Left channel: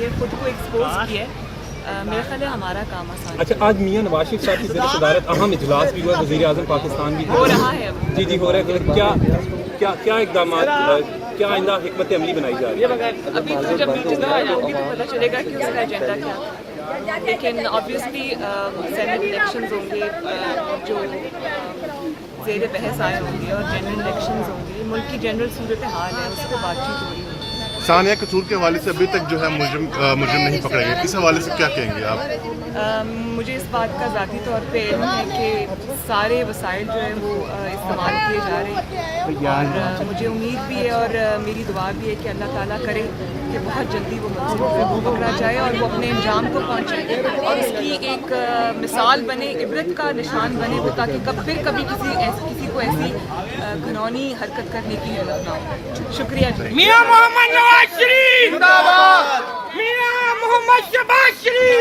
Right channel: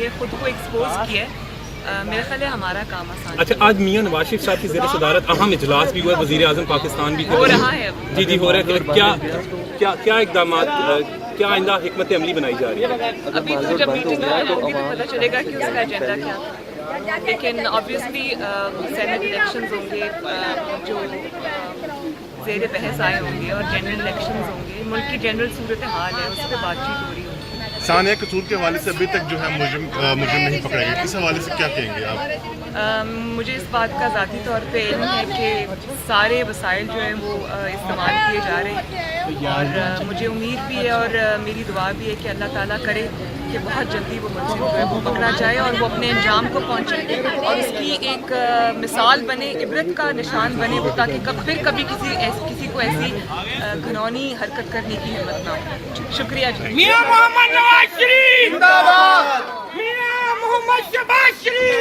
یہ خود کو ایکسپوز کیا ہے. میرا خیال ہے ہمارا کام آسان اچھا، آج میاں نواز شریف صاحب کی زیر صدارت اہم اجلاس بھی ہوا ہے، وزیر اعظم پاکستان بھی ہو رہا ہے. جی ہو رہا ہے. کیا اقدامات، کیا آئندہ حکمت عملی بنائی جا رہی ہے؟ ابھی تو جب میٹنگ ہوگی تو پتہ چلے گا کہ اس کا ایجنڈا کیا تھا. لیکن آبویسلی سینٹ الیکشنز ہوں گے جو زیر بحث آئے ہوں گے، اور جنرل الیکشنز ہوں گے. ملک کی جنرل صورتحال ہے، اس پہ بات چیت ہو رہی ہوگی. ثانیہ قصور کے حوالے سے ابھی تک جو ہے مجرم نہیں پکڑے گئے، اس حوالے سے کیا کہیں گے آپ؟ مجھے اس بات کا ذاتی طور پہ علم ہے کہ سارے وسائل جو ہیں وہ استعمال کیے جا رہے ہیں، اور مجھے امید بھی ہے اور میری دعا بھی ہے کہ اللہ تعالیٰ کرے کہ بہت جلدی وہ ملزم جو ہے وہ پکڑا جائے اور وہ اپنے انجام کو پہنچے اور اس کی ایک مثال بنے، عبرت کا نشان بنے وہ، تاکہ پھر کبھی کسی کو ایسی گھنونی حرکت کرنے کی ہمت نہ ہو. شکریہ جی. میاں محمد نواز شریف زندہ باد. میاں محمد شہباز شریف